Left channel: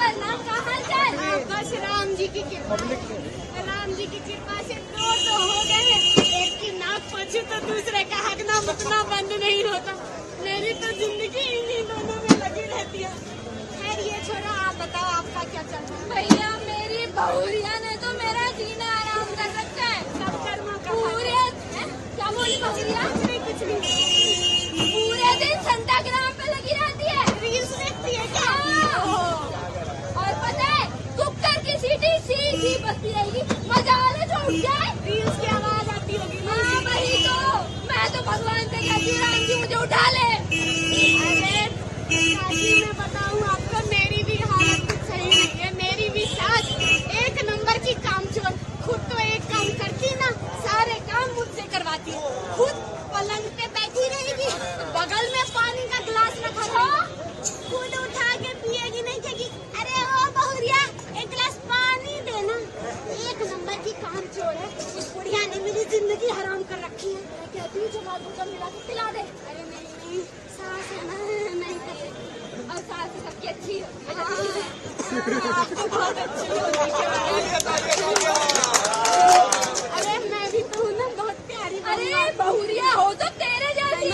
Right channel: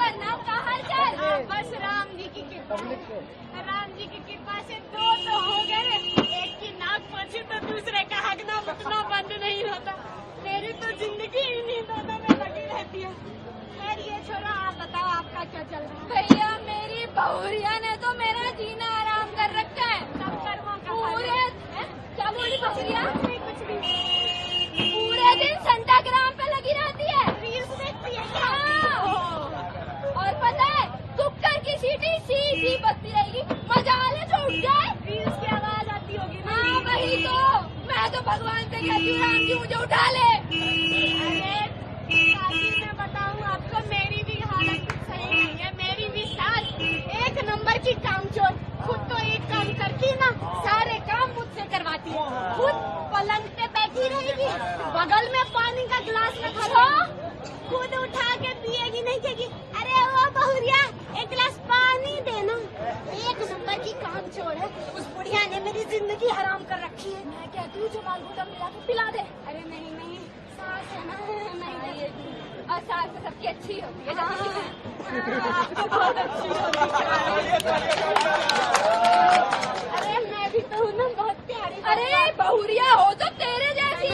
प्रणाम, क्या हाल चाल? बस राम जी की कृपा है। राम जी की कृपा से तो हो गए हैं। एक की नाक पची तो दूसरे का हकना मुकना बंद नहीं होता। मेरी तो जिंदगी इन्हीं दोनों में लगी रहती है। खैर ये छोड़ो, आप बताओ आपका क्या चल रहा है? भैया मेरी बहुरिया ने तो मेरा जीना आराम कर रखा है। सब कर्मों का पूरे क्या बोली बहुरिया? कुछ नहीं। पूरे दिन संताग्राम पे लगी रहती है। रील्स देखती है क्या? और पता है कुकर की सीटी सीधी बजती रहेगी, मजा आने छोड़ जाए। रील्स की आवाज आती होगी ना? हाँ वही तो, मैं तो भगवान से कहती हूँ राम जी मुझे उठा ले। अरे मैं बताऊँ आपको, मेरी भी हालत सही नहीं है। मेरी भी सास एक नंबर की कामचोर। खुद तो एक काम करती ना, सारे काम मुझसे करवाती है। खुद पलंग पे बैठी रहेगी, बगल में पानी का गिलास रखा होगा, खुद उठा के पिएगी नहीं कहेगी अरे ओ बहुरिया एक गिलास पानी देना। एक नंबर की कामचोर है। उस बुढ़िया ने मेरी जिंदगी हराम कर रखी है। मैं कहती हूँ छमाल भुट्टा मिला के पिला दे। अरे नहीं सास है ना, नहीं देगी। और सास तो सबकी अच्छी होती है। आपकी बहुत अच्छी होती है। अरे मैं भी तो हूँ ना, बहुत प्यारी। अरे बहुरिया हो तो तेरे जैसी।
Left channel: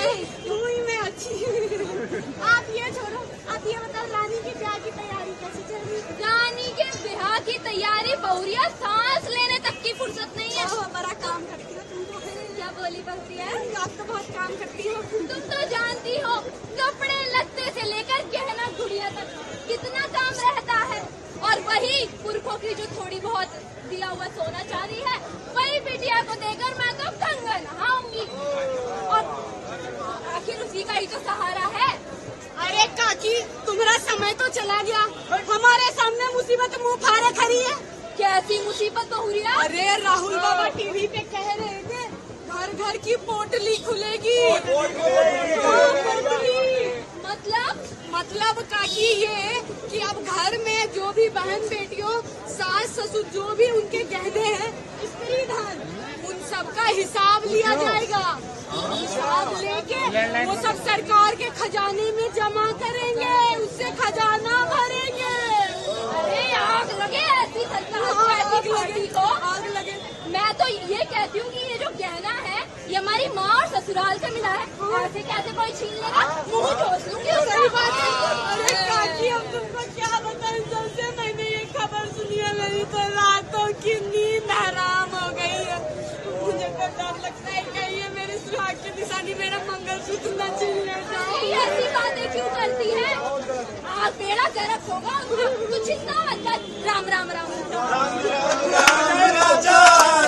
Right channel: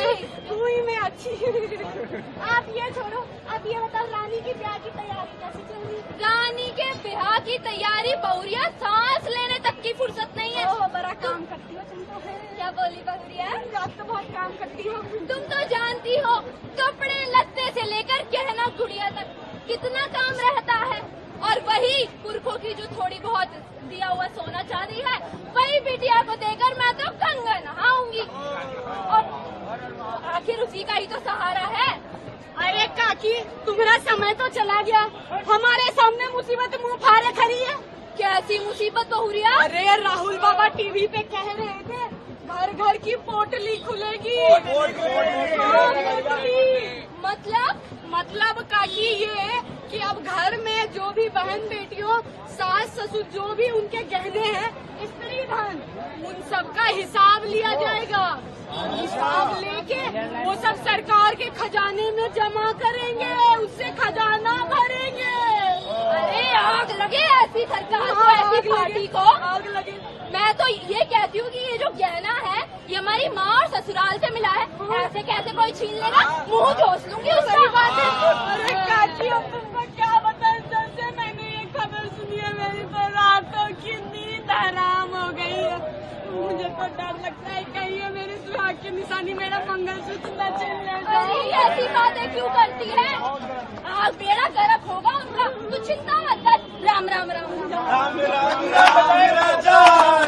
तू ही मैं अच्छी। आप ये छोड़ो, अब ये बताओ रानी की ब्याह की तैयारी कैसी चल रही है? रानी के ब्याह की तैयारी, बहुरिया सांस लेने तक की फुर्सत नहीं है। ओह, बड़ा काम करती हो तुम तो। क्या बोली बहुरिया? आप तो बहुत काम करती हो। तुम तो जानती हो कपड़े लत्ते से लेकर गहना गुड़िया तक कितना काम रहता है। और वही पुरखों की जो थोड़ी बहुत दिया हुआ सोना चांदी है, वही बिटिया को देकर मैं तो गंगा नहाऊंगी। और आखिर उसी का ही तो सहारा है। अरे काकी, तुम्हारा समय तो चला गया। हमारे सामने मुसीबत मुंह फाड़े खड़ी है। कैसी मुसीबत बहुरिया? अरे राहुल बाबा टीवी पे कह रहे थे घर घर की पोटली खुलेगी। पोटली मतलब काकी ये कि अब घर में जो भी बहन बेटियों, सास ससुर जो भी उनके गहने हैं, स्त्री धन, उन सब का हिसाब लिया जाएगा। हिसाब लेके वो सब सरकार के खजाने में जमा करेंगे, उससे खजाना भरेंगे। अरे आग लगे ऐसी सरकार को, ऐसी पार्टी को। आग लगे। मैं तो ये कहती हूँ कि ये जो गहना है ये हमारी माँ और ससुराल से मिला है। ऐसे कैसे कोई छीन लेगा? मुँह जोश लूंगी उसकी बात है। अरे काकी, हम तुमको क्या बताएं, जब से मैंने ये खबर सुनी है मेरी तो रातों की नींद हराम हो गई है। मुझे तो डर लगता है कहीं ये मेरी सुहाग की निशानी मेरा मंगलसूत्र न छीन ले जाए। ऐसी बातें क्यों करती है? आग बेड़ा गर्क होगा उनका, तू चिंता मत कर। राम राम राम राम राम राम राम राजा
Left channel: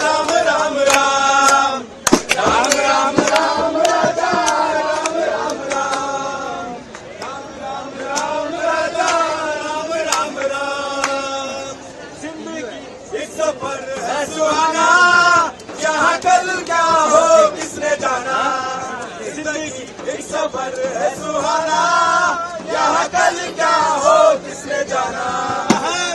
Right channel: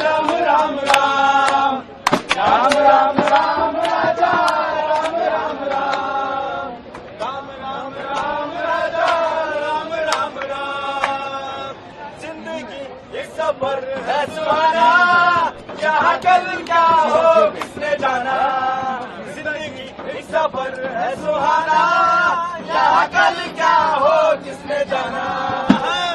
राम राम राम राम राम राम राजा राम राम राम राम राम राम राजा राम राम राम। जिंदगी इस सफर है सुहाना, यहाँ कल क्या हो किसने जाना। जिंदगी इस सफर है सुहाना, यहाँ कल क्या हो किसने जाना।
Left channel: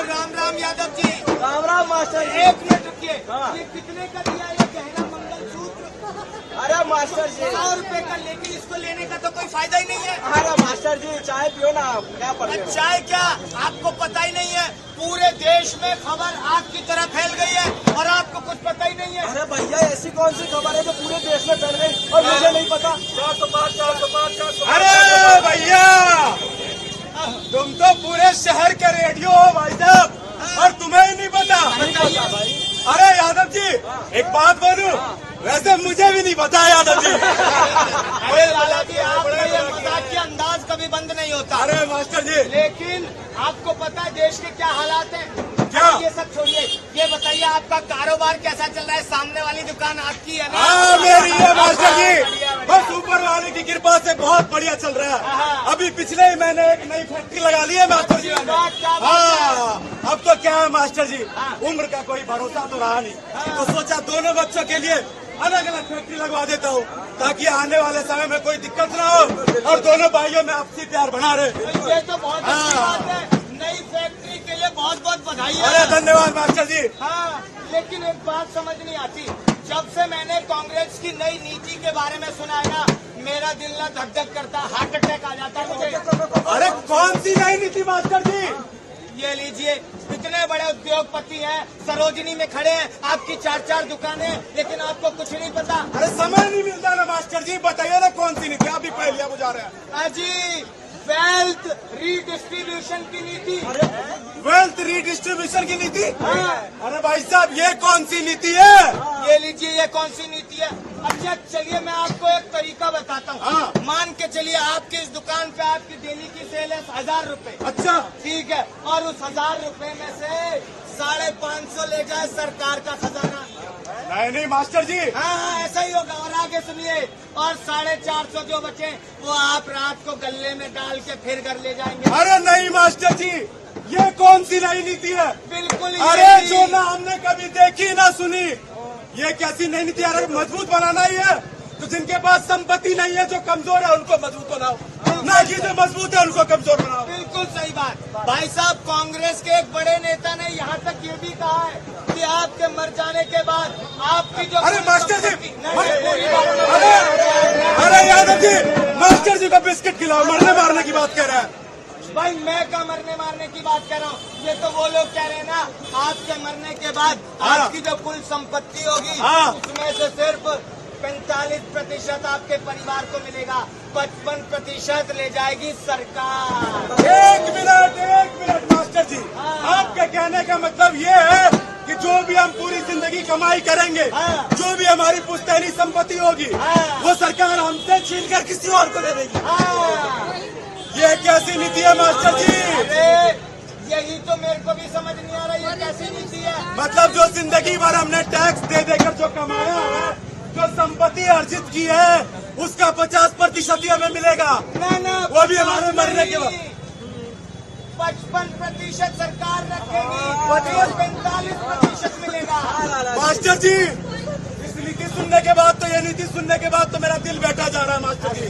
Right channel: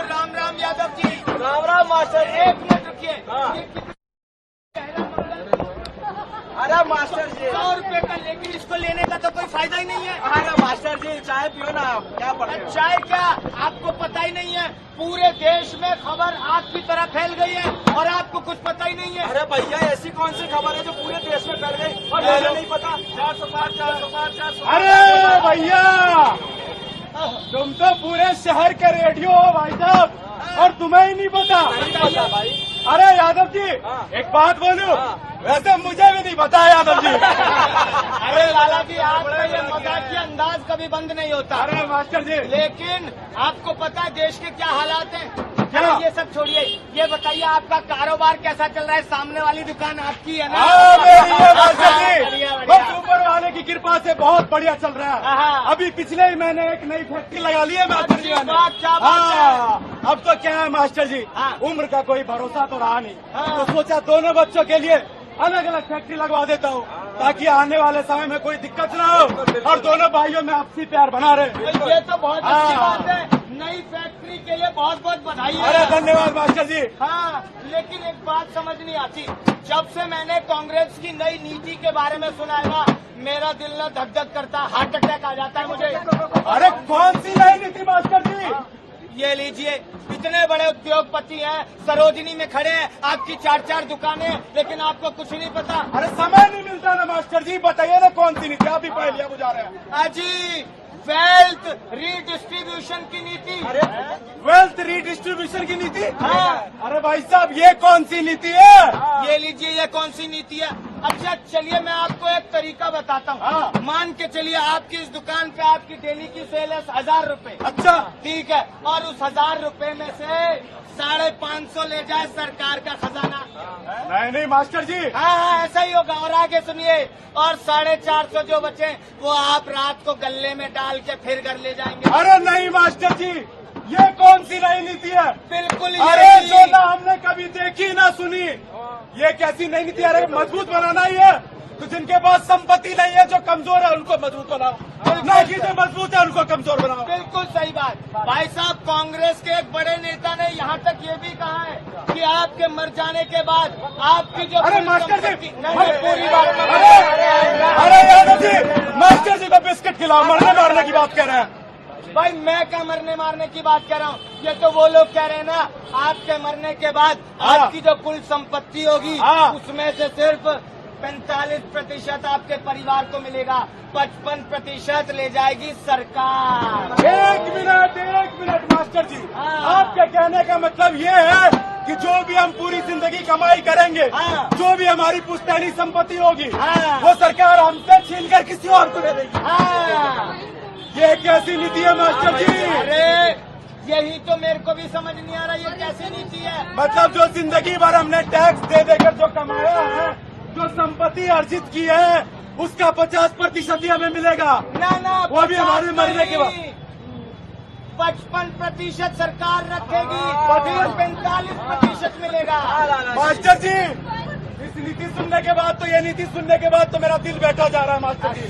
राम राम यादव जी। राम राम मास्टर। एक मिनट रुकिए। हाँ। ये कितने का दिया ये गहरा मंगलसूत्र? अरे मास्टर जी, 100 रुपए का, लेकिन इसको लेने का तो कोई फायदा ही नहीं है। अरे मास्टर जी चाय पियो ना आप, क्या पढ़ रहे हो? चाय क्या, आपको पता ही नहीं है। पूरे देश में खबर आग की तरह फैल गई है और आपको कुछ पता ही नहीं है। अरे भैया ऐसी कौन सी खबर है जो पूरे देश में फैल गई और मुझे नहीं पता? अरे भैया तुम तो पूरे शहर के रेडियो हो भाई साहब, और तुम्हें ही नहीं पता? नहीं पता भाई। अरे यादव जी एक बात बोलूं, वैसे मुझे भी नहीं पता यादव जी। अरे लाला जी, आपका ये मजाकिया अंदाज कभी बंद नहीं होता। अरे मास्टर जी, लेकिन आपको पता है देश के क्या हालात हैं? क्या? ये सब छोड़िए, ये बताइए आपका कारोबार कैसा चल रहा है? सामने वाली दुकान आपकी है ना? आओ मेरी है मास्टर जी, बढ़िया, बढ़िया। बस ऊपर वाले की कृपा से बहुत बढ़िया चल रहा है। हाँ। अभी पिछले ही महीने एक नई फैक्ट्री लगा ली है मास्टर जी मैंने। क्या बात है? हाँ, अब तो क्या है मास्टर जी, हाँ। उम्र का कोई भरोसा तो रहा नहीं, तो सोचा दोनों बच्चों के लिए अलग अलग फैक्ट्री लगवा देता हूँ, ताकि आने वाले समय में कोई दिक्कत ना हो और दोनों भाइयों में आपसी प्यार बना रहे। ये तो बहुत अच्छी हाँ। बात है। नई फैक्ट्री के लिए बहुत बहुत बधाई अरे है। धन्यवाद मास्टर जी। हाँ, लेकिन एक बात समझ नहीं आती, जब से मैंने कांग्रेस की नई नीति के बारे में सुना है ना, मेरा दिल ना धक धक करता, हार्ट अटैक आ जाता है मुझे। अरे कौन सी नई नीति मास्टर जी? ये लीजिए, इतने बड़े उद्योगपति हैं, सरोजनी में खड़े हैं, आपकी 4-4 दुकानें, लेकिन आपको कुछ नहीं पता। अरे समय नहीं मिलता ना मास्टर जी, बताइए ना कौन सी नीति आप ही पहलिया बुझा रहे हैं। जी, वेल्थ रीडिस्ट्रीब्यूशन की नीति। वेल्थ रीडिस्ट्रीब्यूशन की नीति। हाँ। अरे भाई साहब ये कौन सी नीति है? ये लीजिए, ये कौन सी नीति है? अच्छा चलिए मैं आपको एक तरीका बताता हूँ। हाँ। मान के चलिए आपकी इस दुकान पे आपकी डेली की सेल है 1000 रुपए। अच्छा, ठीक है, और उस 1000 रुपए में से 550 ले जाए सरकार का खजाना। नहीं मास्टर जी, हाँ, ऐसा ही होगा। और आगे सुनिए, और 450 जो बचे वो आप रात को गले में डाल के फिर घर ले जाएंगे। अरे नहीं मास्टर जी, ये कौन सी नई नीति है? बिल्कुल अरे यही। जो ना हमने कभी देखी ना सुनी, ये कैसी नई नीति? अरे मजबूत बनाना ही है तो जिनके पास संपत्ति नहीं है, जो कमजोर है उनको मजबूत बनाओ, ना कि जो मजबूत है उनको कमजोर बनाओ। बिल्कुल सही बात भाई साहब। कांग्रेस के एक बड़े नेता ने यहाँ तक ये भी कहा है कि आपके मर जाने के बाद आपकी जो अरे मास्टर जी, नहीं, अरे यादव जी, मास्टर जी को बिस्किट खिलाओ, मरने मारने की बात कर रहे हैं। भाई मैं क्या मरने मारने की बात कर रहा हूँ, ये तो वो लोग कह रहे हैं ना, आपके मरने के बाद हाँ। आपकी जो कुल संपत्ति होगी हाँ। उसमें से सिर्फ 45% आपके परिवार को मिलेगा, 55% ले जाएगी सरकार। एक मिनट मास्टर जी, हाँ। आपके कहने का मतलब ये है कि जो भी हम पूरी जिंदगी कमाई करेंगे, हाँ। जो भी हमारी पुश्तैनी संपत्ति होगी, हाँ। वो सरकार हमसे छीनकर किसी और को दे देगी। हाँ। ये कैसी नीति है मास्टर जी? अरे यही तो मेरे को भी समझ नहीं आ रहा, ये कैसी नीति है? मतलब जो जिंदगी भर हमने टैक्स दे देकर जो कमाया है, जो संपत्ति अर्जित की है, उसका 50% ही हमें मिलेगा। ना वो भी हमारे मरने के बाद। 55% सरकार रखेगी, 45% मिलेगा। मास्टर जी, इस नीति सुनने के बाद तो, ये नीति सुनने के बाद तो मेरा दिल बैठा जा रहा है मास्टर जी।